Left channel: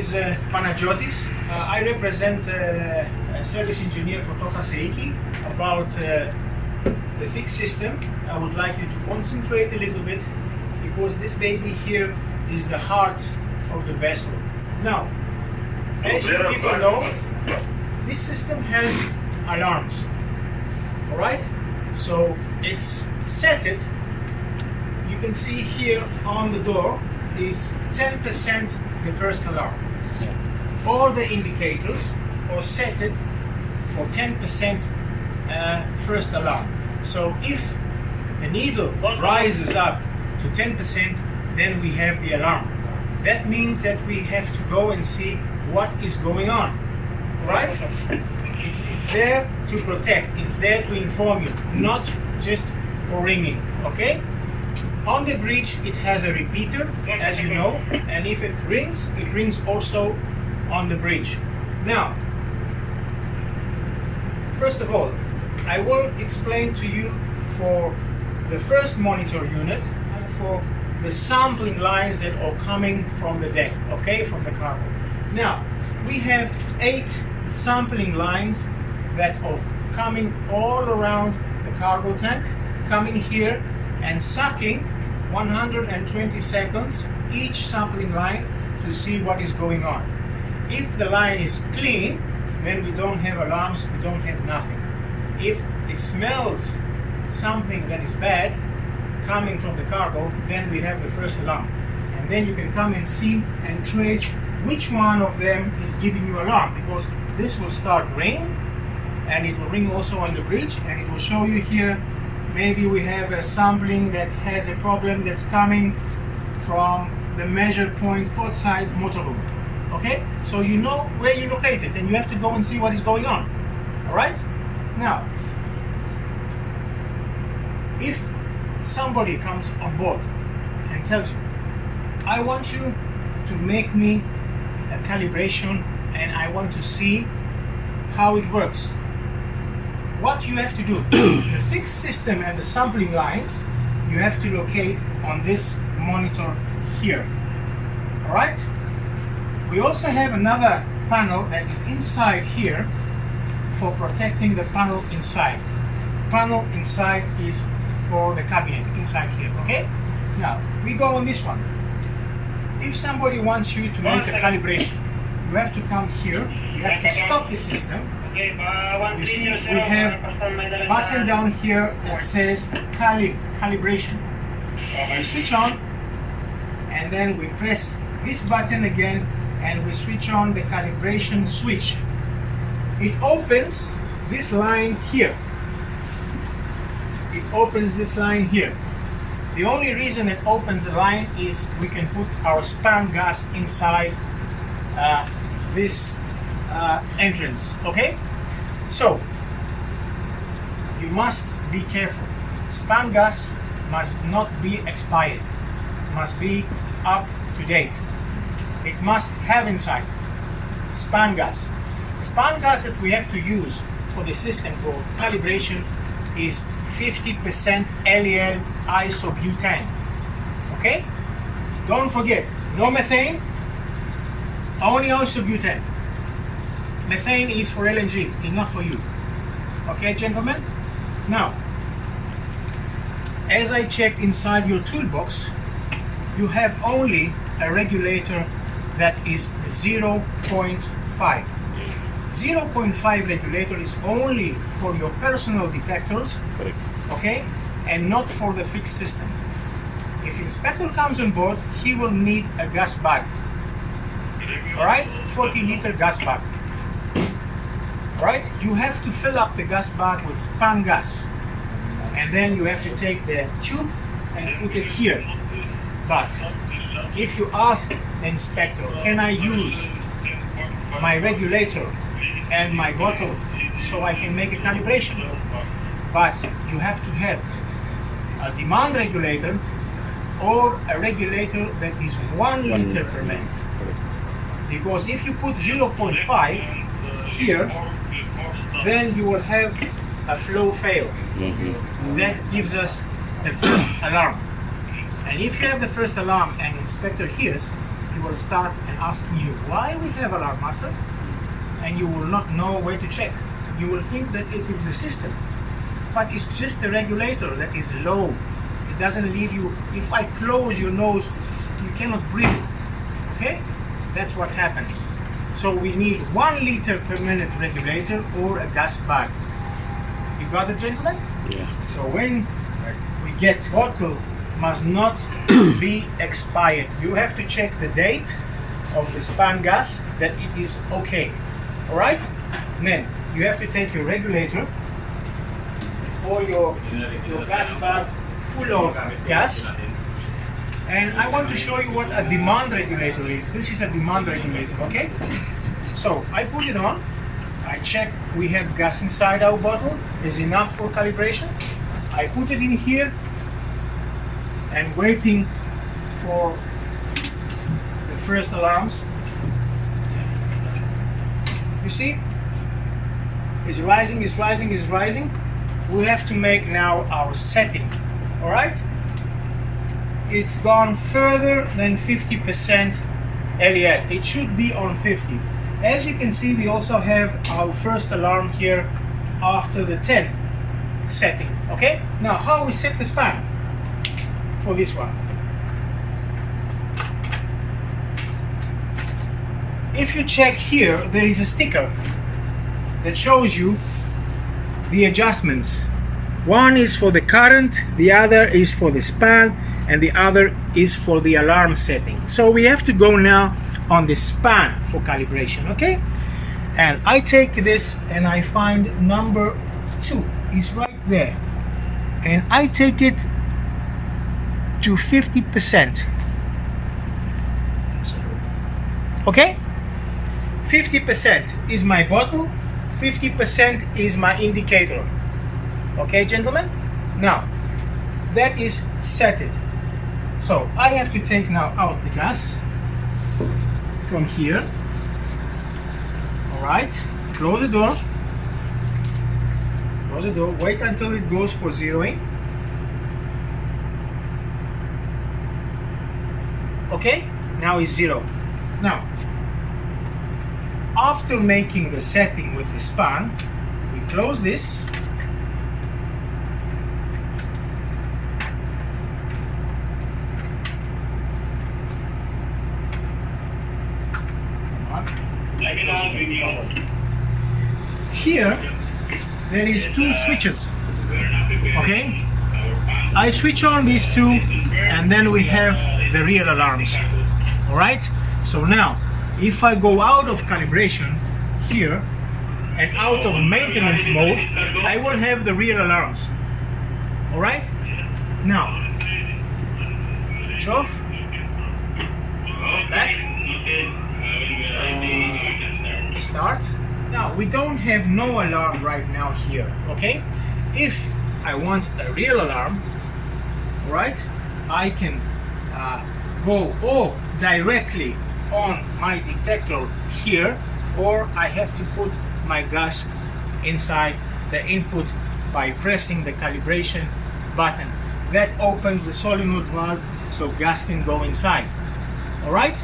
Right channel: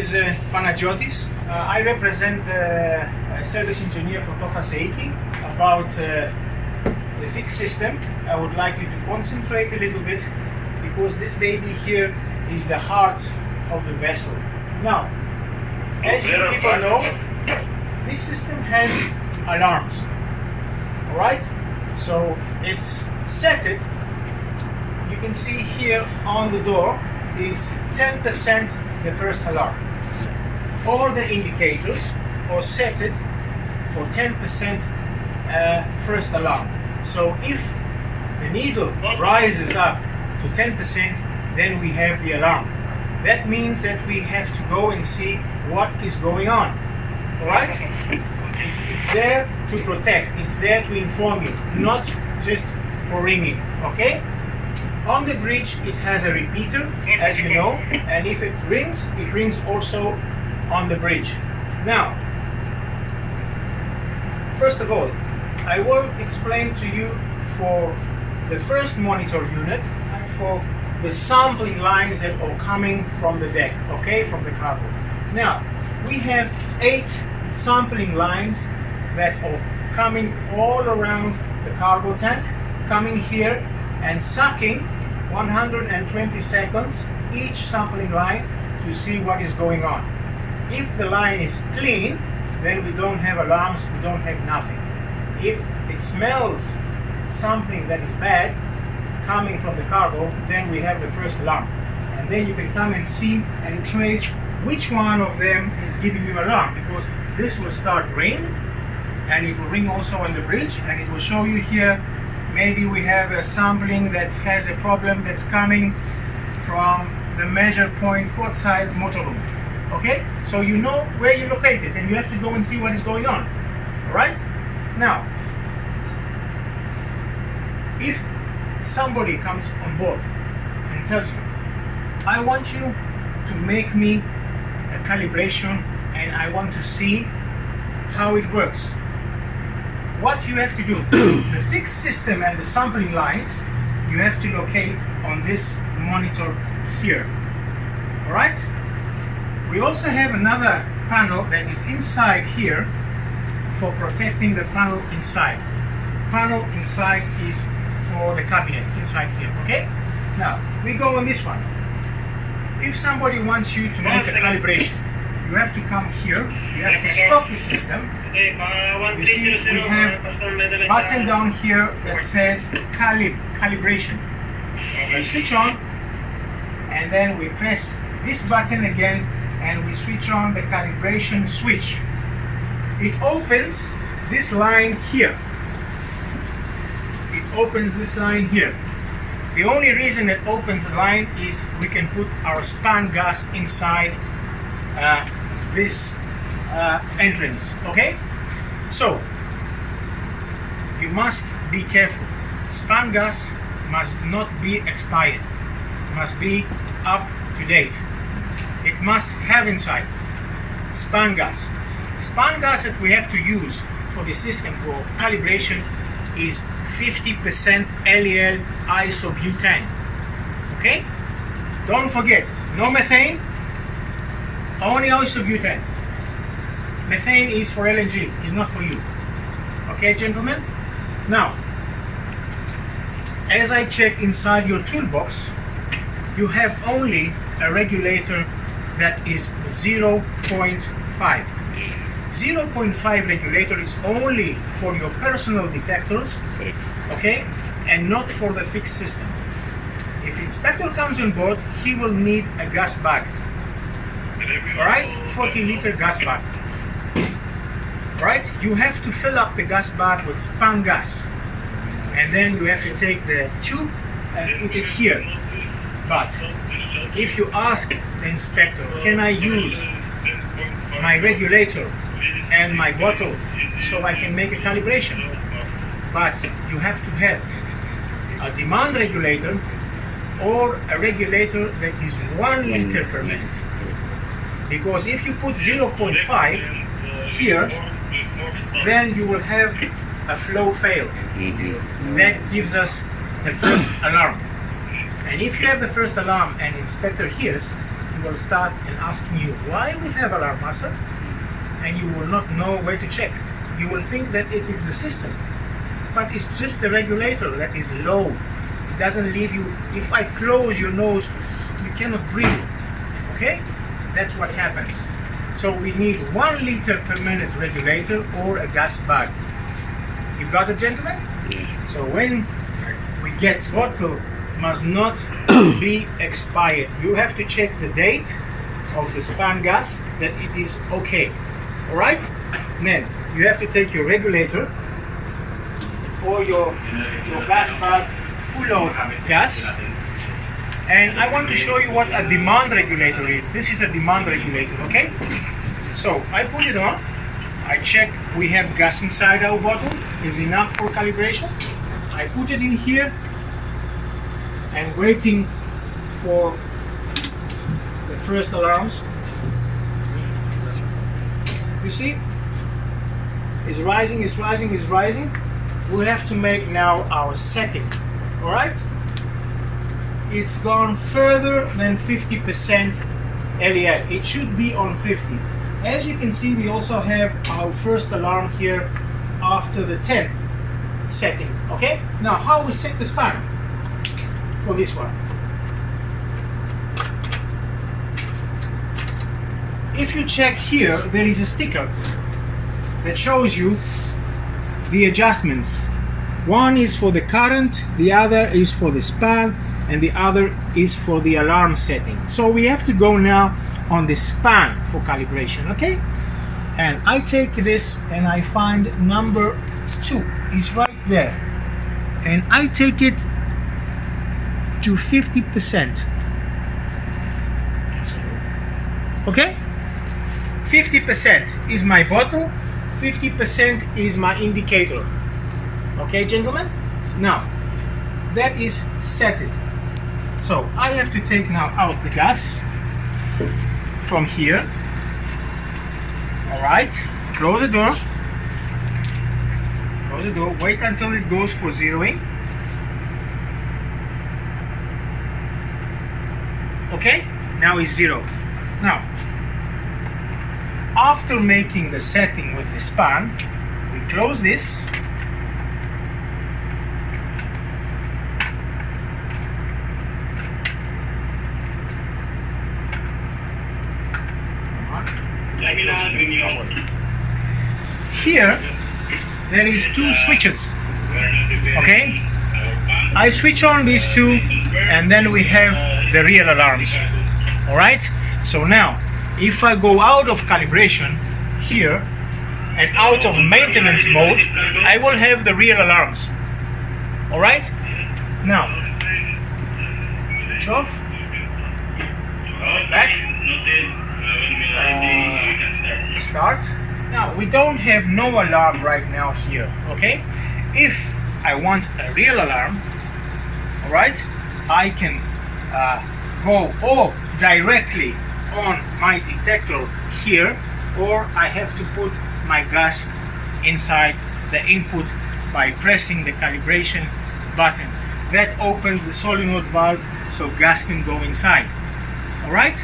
is Panagiotis. I represent a service engineer for Toka Seiki about the fixed system. I would like you to concentrate a little bit because this baby here is the heart of the vessel. Now, as you people know, this system has alarms. Alright? So it's set it. You can see here on the door is 10% the first alarm. All the indicators are set it for 10% first alarm. So if the needle rises up to 10%, then we have the alarm. That means that we have to go and see what is going on. Alright? It's there to protect, it's there to inform you, not just for ringing. Okay? On the bridge it has a repeater, as you know, and if it rings also on the bridge. Now, first of all, I will explain to you for the first monitor unit, for the sampling lines that are coming from the deck, okay, from the cargo. Now, we have 8 sampling lines that are coming all around the cargo tank, coming here and sucking 120 seconds each sampling line to see what is going on. If the line is clean, then we don't have alarms, we don't have nothing. If it smells something that is bad coming from the cargo, then we have the first alarm. And then you can come and see and trace which one of them is giving you alarm, because this will start ring, and it will ring also on the bridge, and it will show you here maybe we have a sampling that has a problem that's coming from the measure point outside motor room. Okay, so you know where you're located and you have to go and see what is going on. Alright? Now, if somebody comes on board and tells you, I want you to make me a calibration and I want to see how it works, what you have to do, the fixed system and the sampling lines, you have to locate on this monitor here. Alright? We also have another panel that is inside here for protecting the panel inside. Panel inside is for the cabinet inside here, okay? Now, we go on this one. If somebody wants you to make a calibration, you have to come here, you have to stop the system. You see, we have a button down here that says calibration. We switch on, and then we press this button again, and we switch on the calibration switch. It opens this line here. It opens this line here. The only reason it opens the line is we can put our span gas inside this entrance, okay? So, you must be careful. Span gas must not be expired, must be up to date. It must have inside span gas. Span gas that we have to use for the system for calibration is 50% LEL isobutane. Okay? Don't forget, no methane, only isobutane. Methane is for LNG, is not for you. Okay, gentlemen? Now, as I check inside your toolbox, you have only a regulator that is 0.5. 0.5 regulator is only for your personal detectors, okay, and not for the fixed system. If inspector comes on board, he will need a gas bag. Alright, 40-liter gas bag. Alright, you have to fill up the gas bag with span gas, and then you have to take the tube and put it here. But if you ask the inspector, can I use my regulator and my bottle so I can make a calibration? But you have to have a demand regulator or a regulator that is 1 liter per minute. Because if you put 0.5 here, then you will have a flow fail. That gives us the first alarm. And if you have the first alarm and inspector hears, he he will start asking you why we have alarm master, and you will not know where to check. You will think that it is the system, but it's just the regulator that is low. It doesn't leave you. If I close your nose, you cannot breathe. Okay, that's what happens. So we need 1 liter per minute regulator or a gas bag. You got it, gentlemen? Yeah. So when we get bottle, must not be expired. You have to check the date of the span gas that it is okay. All right? Then you have to take your regulator or your gas bag full of gas. And I want to show you what a demand regulator is. This is a demand regulator, okay? So I put it on. I check we have gas inside our bottle. Is enough for calibration. I put it in here and waiting for the first alarms. You see, it's rising, it's rising, it's rising. We have to make now our setting. All right? It's gone further than 50% LEL. It should be on 50. As you can see, we also have our first alarm here after the 10 setting. Okay? Now, how we set the span for this one? If you check here, there is a sticker that shows you the adjustments. One is for the current, the other is for the span, and the other is for the alarm setting. So we have to go now on the span for calibration, okay? And I take this and I find number 2 is right there. And I take it to 50%. Okay? 50% is my bottle, 50% is my indicator. Okay, gentlemen? Now, that is set it. So I have to take now out the gas from here. All right, close the door. Close the door, wait until it goes for zeroing. Okay, now it's 0. Now, after making the setting with the span, we close this. Here there is 2 switches. Okay, I switch on these 2 and then we have the real alarms. All right, so now if I go out of calibration here and out of maintenance mode, I will have the real alarms. All right, now switch off, back, start. Now we don't have no alarm right now here. Okay, if I want a real alarm, all right, I can go directly on my detector here, or I have to put my gas inside the input by pressing the calibration button. That opens the solenoid valve so gas can go inside. All right.